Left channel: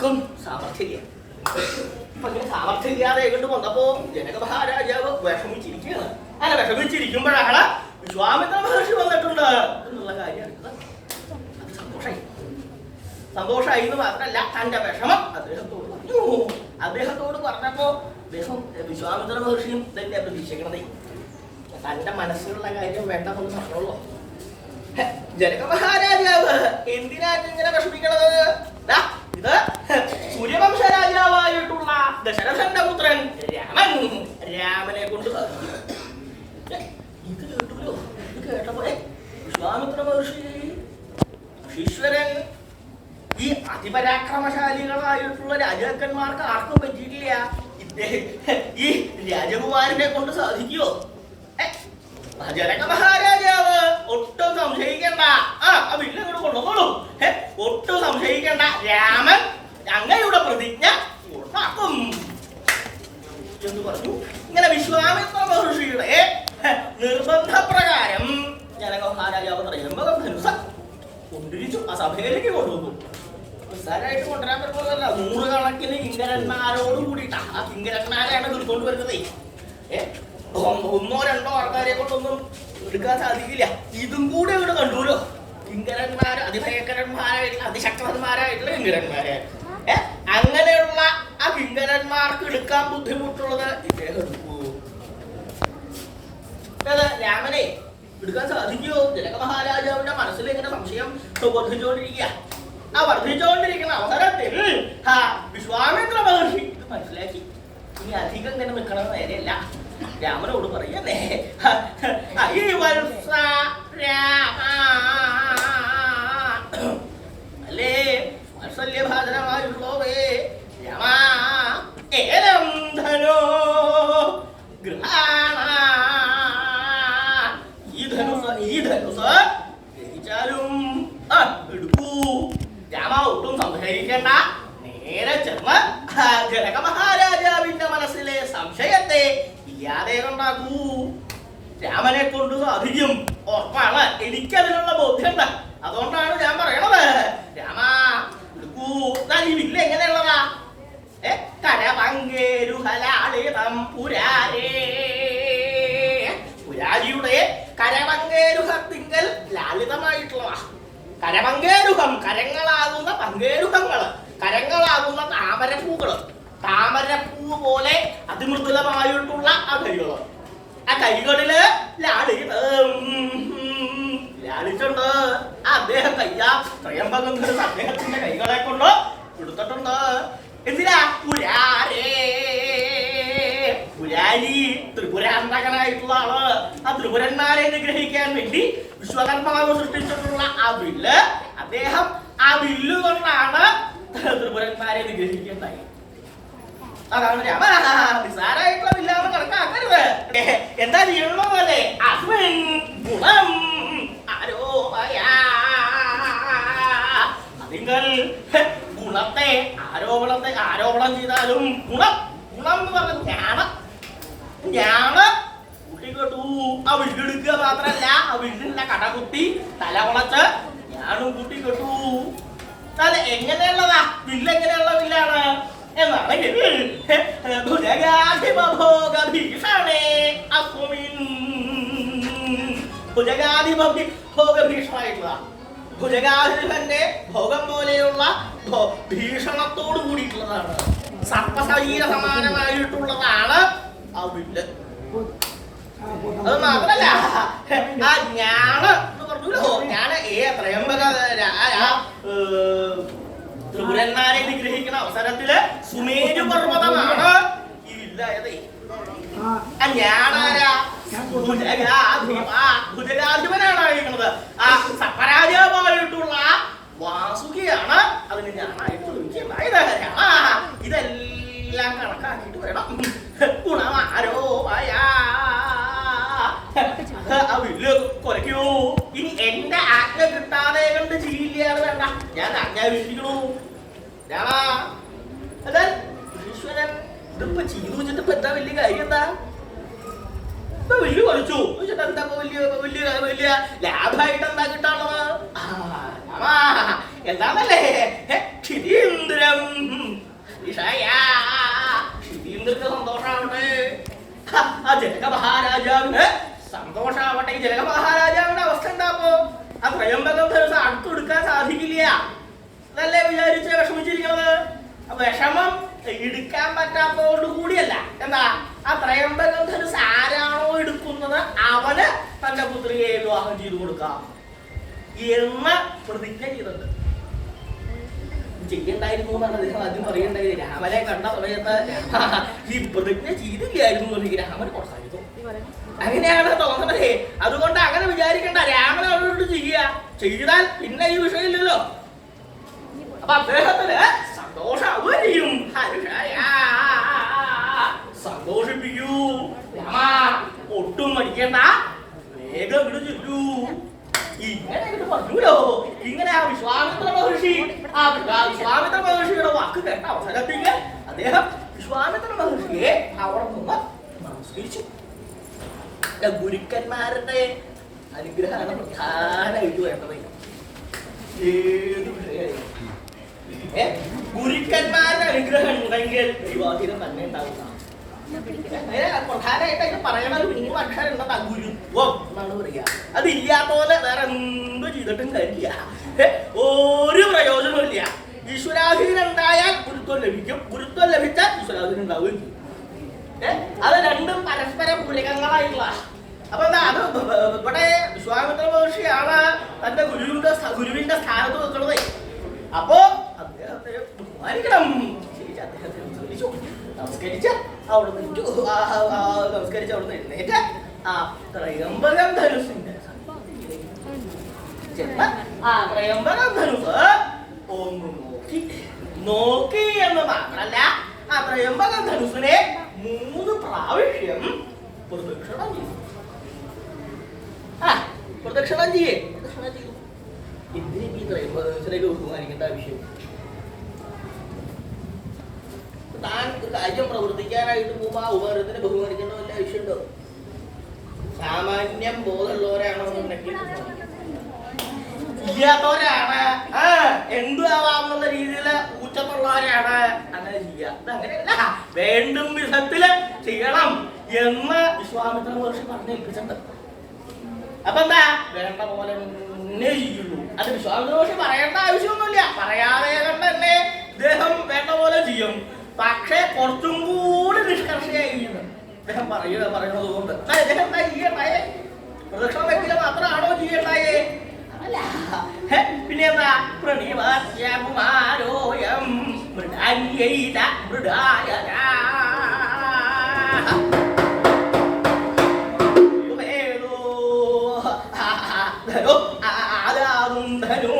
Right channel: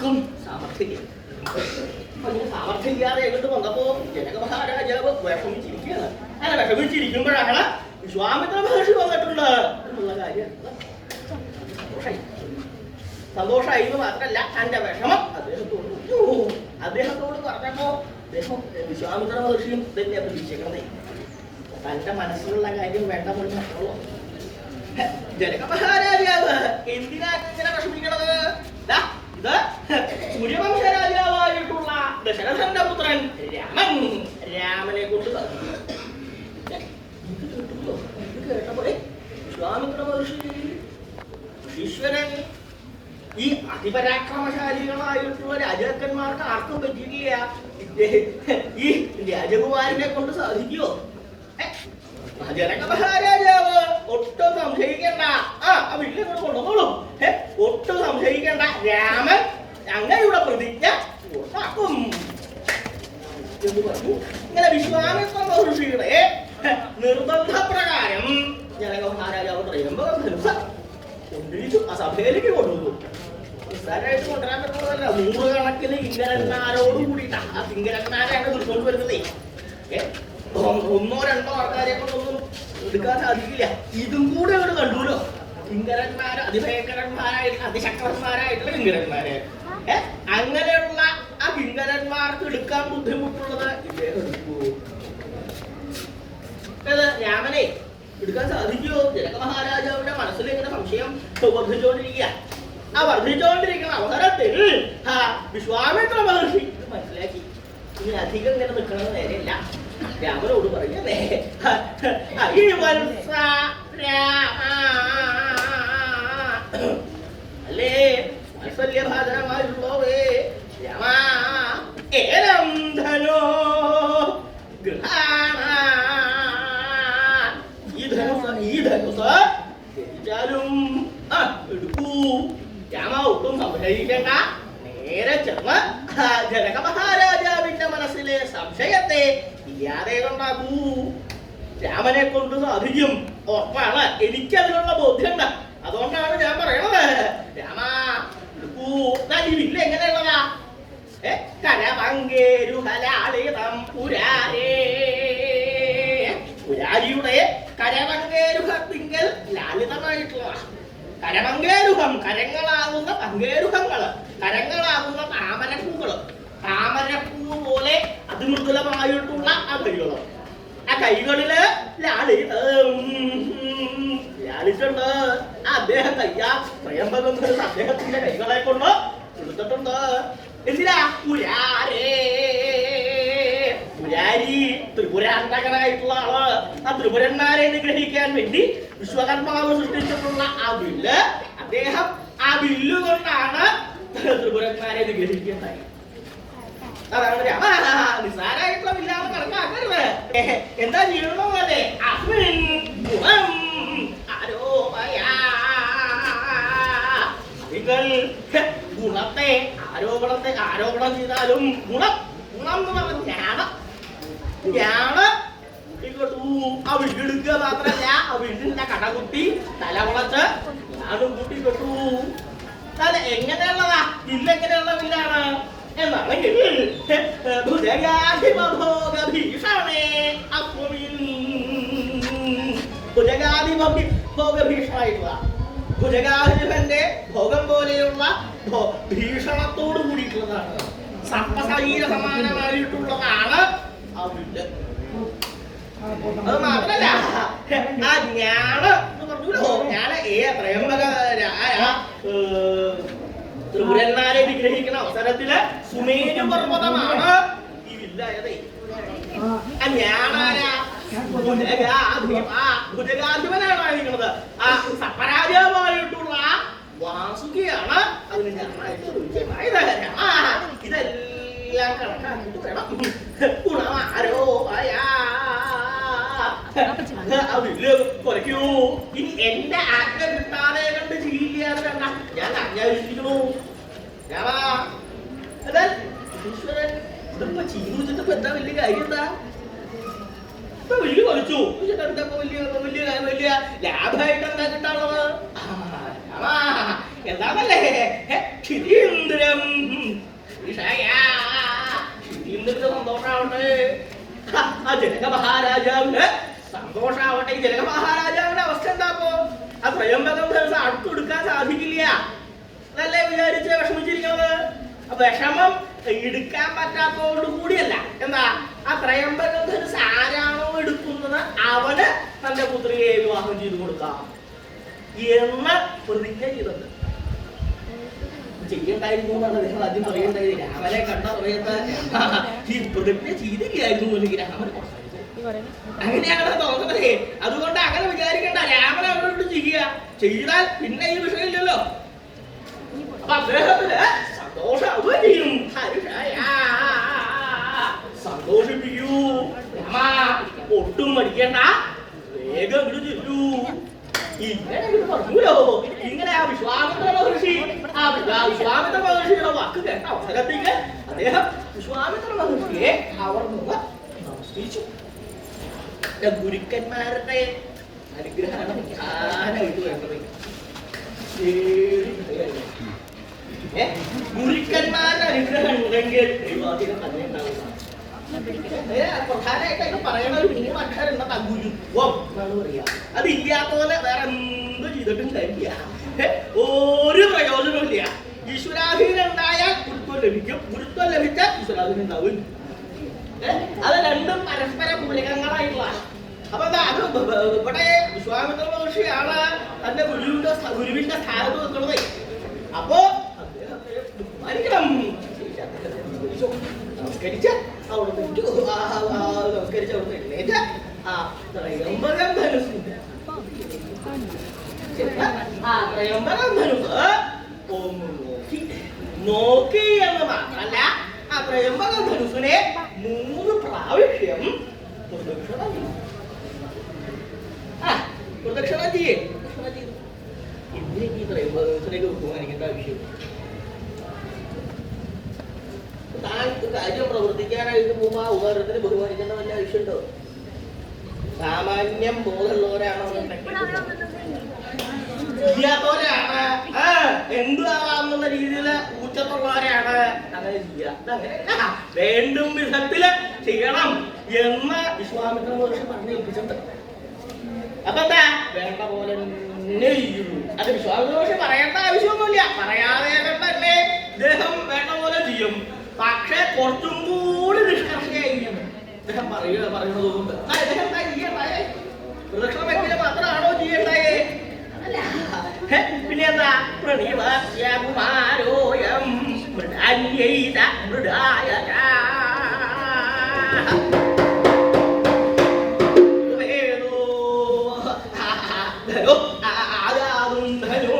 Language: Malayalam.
ഒട്ടുക്കും സാമർഥ്യം സാമർഥ്യമില്ലാതെ എങ്ങോട്ട് വന്നപ്പോ ജനക മഹാരാജാവ് വിഷമിച്ചിരിക്കുകയാണ്. അങ്ങനെ വിഷമിച്ചിരിക്കുമ്പോഴാണ് വിശ്വാമിത്ര മഹർഷി വന്നിട്ടുണ്ട് എന്നുള്ള കാര്യമാണ്. സന്തോഷമായി എന്ന് മാത്രമല്ല തന്റെ വിഷമം അദ്ദേഹത്തോട് പറഞ്ഞപ്പോ വിശ്വാമിത്ര മഹർഷിയും തന്നെ പ്രതീക്ഷിക്കണതേ തന്റെ മനസ്സിലുള്ള കാര്യം വേണ്ടെന്ന് പറഞ്ഞോളൂ. ജനക മഹാരാജാവ് എന്തിനാണ് ഇങ്ങനെ വിഷമിക്കണത്? ഇത് സൂര്യവംശ രാജാവായിട്ടുള്ള ദശരഥന്റെ പുത്രൻ രാമനെ കൊണ്ട് കേട്ടപ്പോഴേ വിശ്വാമിത്ര മഹർഷി ഈശ്വരൻ ഈ അതിപരാക്രമശാലികളായിട്ടുള്ള രാജാക്കന്മാർക്ക് ആർക്കും പറ്റിയിട്ടില്ല, ഈ രാജകുമാരനെ കൊണ്ട് സാധിക്കുമോ? ജനക മഹാരാജാവ് ഒട്ടും സംശയിക്കണ്ട, വീട്ടിൽ കൊണ്ടുപോളൂ, ഒട്ടും സംശയിക്കണ്ട, രാമൻ അങ്ങയുടെ പ്രതിജ്ഞ ഉണ്ടാക്കും എന്ന് പറഞ്ഞു. ഇങ്ങനെ വിശ്വാമിത്ര മഹർഷിയുടെ നിർബന്ധപ്രകാരം ജനക മഹാരാജാവ് ത്രയംബകം ധനുസ് കൊണ്ടിരിച്ചു ആ സഭയിലേക്ക് കൊണ്ടുപോകും. നിസ്സാരമായിട്ട് കൊണ്ടുവരാൻ പറ്റുന്നതല്ല, 100 കണക്കിന് കിങ്കരന്മാരോട് കൂടിയിട്ടാണ് ആ കിങ്കരന്മാരാണ് തീർക്കൊണ്ട് വരുന്നത്. ഒന്നോ രണ്ടോ ആൾക്കാരെ കൊണ്ടൊന്നും എടുക്കാൻ സാധിക്കില്ല. ഇതും കൂടെ അവർ കണ്ടൂലോ, കിങ്കരന്മാര് അതിഭയങ്കരന്മാരായിട്ടുള്ള അതിശക്തന്മാരായിട്ടുള്ള കിങ്കരന്മാരെ. അങ്ങനെയുള്ള ആ കിങ്കരന്മാർക്ക് എടുക്കാൻ ബുദ്ധിമുട്ടുള്ളത് ഇദ്ദേഹം എടുക്കൂ. രാമനെ എടുക്കാൻ സാധിക്കുമോ? ജനക മഹാരാജാവിന്റെ മനസ്സിൽ ഇങ്ങനെ സംശയം വർദ്ധിച്ചുകൊണ്ടിരിക്കുക. ആ വർദ്ധിച്ചുകൊണ്ടിരിക്കുന്ന അവസരത്തിൽ വിശ്വാമിത്ര മഹർഷി മനസ്സിലാക്കി ഇനി അധികം ഇങ്ങനെ നിൽക്കണമെന്ന് നേരെയല്ല. രാമനോട് പറയല്ലേ, ഈ വർഷ അല്ലേ വാത്സല്യഭാജനമായുള്ളവേ രാമ ഏലം ധനോ ഗൃഹാണ, ഈ ധനുസ് ഗ്രഹിച്ചാലും എടുക്കൂ. രാമ ഒട്ടും സംശയിക്കേണ്ട, നേരെ ചെന്ന് ജനക മഹാരാജാവിന്റെ മനസ്സിലെ സംശയത്തെ ഇല്ലാതെ ഉണ്ടാക്കൂ. രാമനെ കൊണ്ട് സാധിക്കും, ഉറപ്പാണ്, എനിക്കതിനുള്ള ബോധ്യമുണ്ട്. അതുകൊണ്ടാണ് ഞാൻ പറയണത്. രാമ എടുക്കൂ. ഈ വില്ല് എങ്ങനെയുള്ളതാ? കരമങ്കേരുഹലാളിതം പുരാരേ, പുരാരിയുടെ കരമങ്കേരുഹത്തിങ്കൽ ലാളിതമായിട്ടുള്ളതാ. കരമങ്കേരുഹം കരങ്ങളാകുന്ന പങ്കേരുഹങ്ങള്, കരങ്ങളാകുന്ന താമരപ്പൂകള്, താമരപ്പൂ പോലെ അതിമൃദുലമായിട്ടുള്ള ആ കൈകള്, ആ കൈകളില് ലാളിട്ടുണ്ട്. അദ്ദേഹം ത്രയംബകം അദ്ദേഹത്തിന്റെ കൈകളെ കൊണ്ട് കൊടുത്തിട്ടുണ്ട്. എന്തിനാ? പുരാരി ത്രിപുരാന്തകനായിട്ടുള്ള ആള്, ആ ത്രിപുരന്മാരെ നിഗ്രഹിക്കാൻ വേണ്ടി വിശ്വകർമാവ് സൃഷ്ടിച്ചിട്ടുള്ള ആ വില്ല്, അദ്ദേഹം ആ വില്ല് കൊണ്ടാണ് ത്രിപുരന്മാരെ നിഗ്രഹിക്കുന്നത്. അതാണ് രാമ നിസാരായിട്ടുള്ള വില്ലാതെ കണക്കാക്കരുത്. എന്താ ചെയ്യണോ പോലെ നിങ്ങൾ ഗുണത്തെ ആരോപണം ചെയ്താലും ഗുണം എന്ന് പറഞ്ഞ ഞാണ് കൂട്ടിക്കെട്ടു. ആ വീടെടുക്കുക മാത്രല്ല, ആ വീടിന്റെ കടകുത്തി തല കുളച്ച് ഞാനും കൂട്ടിക്കെട്ടു. അത് എങ്ങനെയുള്ളതാ? വില്ലെങ്ങനെയുള്ള വില്ലാണ് എന്നാണെങ്കിൽ ഭുജഗാധിഭോഗഭീഷണമായിട്ടുള്ള ഭുജഗാധിപന്റെ ഭോഗം പോലെയുള്ള ഭീഷണത്തോട് കൂടിയിട്ടുള്ളതാണ്. സർപ്പശരീര സമാനമായിട്ടുള്ളതാണ് ആ വില്ല്. അത് മാത്രല്ല, ആ ഞാണ് ഞാന് ത്രയംബക ത്രിപുരന്മാരെ നിഗ്രഹിക്കുന്ന അവസരത്തില് സുമേരു പർവ്വതമാണ് ഈ വില്ലായത്. ആ ഞാനാരാ? ഭുജഗാധിപനാണായിരിക്കുന്നത്. ആ സപ്പരാജാവായിട്ടുള്ള വാസുകിയാണ് അതിന് ഞാനായിട്ട് ഇതെല്ലാം കണക്കാക്കിയിട്ട് വേണം ഗുണമാരോയ ആ വില്ല് കുറയ്ക്കൂ. ഇനി എന്റെ ആജ്ഞ കിട്ടാതെ കണ്ട് ചെയ്യില്ലാതെ വേണ്ട, ഞാൻ ആജ്ഞാപിച്ചിരിക്കണു. രാമാ ഈശ്വരൻ ഇതിപ്പോ ചെയ്തു വെച്ചിട്ട് എന്താ വലിയ കാര്യം? എന്താ വലിയ കുറച്ചു എന്താ വലിയ ലാഭമായിട്ട് എന്താ കിട്ടാനുള്ളത്? എന്താണല്ലേ ക്ഷിതീന്ദ്രം എന്നല്ലേ വിചാരിച്ച് വിഷമിച്ചിരിക്കുന്നത്. വിഷമം എടുക്കാൻ പറ്റാത്തതോട് കൂടിയല്ല. എന്താ ആ ത്രയംബകം ധനുസ് ആരാണോ എടുക്കുന്നത് അവന് തന്റെ പുത്രിയെ വിവാഹം ചെയ്തു കൊടുക്കാം എന്ന പ്രതിജ്ഞ ചെയ്തത്. ചെയ്യണ്ടായിരുന്നു എന്നാണ് അദ്ദേഹം ആദ്യം പറയേണ്ടത്. രാമനെ കണ്ട സമയത്ത് ഈ പ്രതിജ്ഞ ചെയ്തില്ലായിരുന്നു അല്ലെങ്കിൽ രാമൻ അങ്ങനെയാണ് തോന്നുന്നത്. അതുകൊണ്ട് അങ്ങനെ വിചാരിക്കേണ്ട. രാമൻ അവരോട് ചെയ്താൽ പിന്നെ ഈ വിഷയമില്ലല്ലോ. അപ്പൊ അദ്ദേഹത്തിന് സന്തോഷവും സന്തോഷിപ്പിക്കൂ. രാമ ഒട്ടും പഠിക്കണ്ട, വേഗം ഇവിടെ ചെല്ലൂ. ഇങ്ങനെ പറഞ്ഞൂലോ. ഇങ്ങനെ ആ വിശ്വാമിത്ര മഹർഷിയുടെ വാക്ക് കേട്ട അവസരത്തിൽ അദ്ദേഹം വിശ്വാമിത്ര മഹർഷിയെ അവിടെ നിന്ന് നമസ്കരിച്ചു. ഗുരുക്കന്മാരുടെ അനുഗ്രഹമാണ് പ്രധാനമായിട്ട് വേണ്ടത്. ഗുരുക്കന്മാരുടെ അനുഗ്രഹം ഉണ്ടെങ്കിൽ ദൈവാധീനം തന്നെ ഉണ്ടാവില്ല. പ്രധാനമായിട്ട് പറയണ ഒരു അക്ഷരം എന്താ? ഗുരുത്വം എന്നാണ് പറയാ. അതില്ലാത്തോലെ വേറെ എന്തോ ചെയ്തിട്ടും കാര്യമില്ല, ഒരു പ്രയോജനമില്ല. ഈശ്വരാധീനം ഉണ്ടായാൽ ഗുരുത്വം ലഭിക്കും, ഗുരുത്വം ലഭിച്ചാൽ ഈശ്വരാധീനം ഉണ്ടാവും. അത് രണ്ടും പരസ്പര പൂരകങ്ങളായിട്ടുള്ള. അപ്പൊ അത് ഇവിടെ വിശ്വാമിത്ര മഹർഷിയാണ് തന്റെ ഗുരുവിന്റെ സ്ഥാനത്ത് നിൽക്കുന്നത്. അപ്പോ അദ്ദേഹത്തെ ബഹുമാനിക്കണം. നമസ്കരിച്ച അവിടെ നമസ്കരിച്ച് അവിടെ എഴുന്നേറ്റ ആ ത്രയംബകം ധനുസിന്റെ ത്രയംബകം ധനുസ് ഒന്ന് നോക്കി എന്ന് മാത്രല്ല, ആ ത്രയംബകം ധനുസിനെ 3 പ്രാവശ്യം പ്രദക്ഷിണം ചെയ്യേ. ഇന്ത്യക്ക് ത്രയംബകത്തിലേക്ക് ബഹുമാനിക്കേണ്ട ആവശ്യം. താൻ കാര്യം പ്രവർത്തിക്കാനായിട്ട് പോകുമ്പോൾ ആ ഉപകാരത്തിന് ബഹുമാനിക്കേണ്ട വല്ല ആവശ്യമുണ്ടോ? സാമാന്യം ബോധമുള്ളവരാണോ ചെയ്യാത്തവരാണ്, എന്തു ആവാമെന്നുള്ള രീതിയിൽ ഊറ്റമുള്ളവരാണ്. അങ്ങനെ ചെയ്യാം. അങ്ങനെയല്ല, വേണ്ടും വിധത്തില് ചെയ്യണം എന്ന് വിശ്വാമിത്ര മഹർഷി പറഞ്ഞു ഏൽപ്പിച്ചിട്ടുണ്ട്. അപ്പൊ എന്താ വേണ്ട പോലെ തന്നെ ചെയ്യുള്ളൂ. അത് വിശ്വാമിത്ര മഹർഷി പറയേണ്ട ആവശ്യമൊന്നുമില്ല. പറയാതെ കണ്ടല്ലേ ഇദ്ദേഹം വേണ്ട പോലെ ചെയ്യും. പക്ഷേ കുറച്ചും കൂടി നിഷ്കർഷയായിരുന്നു അദ്ദേഹം പറയുന്നത് കൊണ്ട്. അദ്ദേഹം എന്താ ചെയ്യണ്ടായേ? പ്രദക്ഷിണം വയ്ക്കുക മാത്രമാണോ ചെയ്യണ്ടായേ? അല്ല, പിന്നെ എന്താ? പ്രണിവാസ്യകുമാരോയം മൃഗാന്യൈത മൃഗായ ധനോ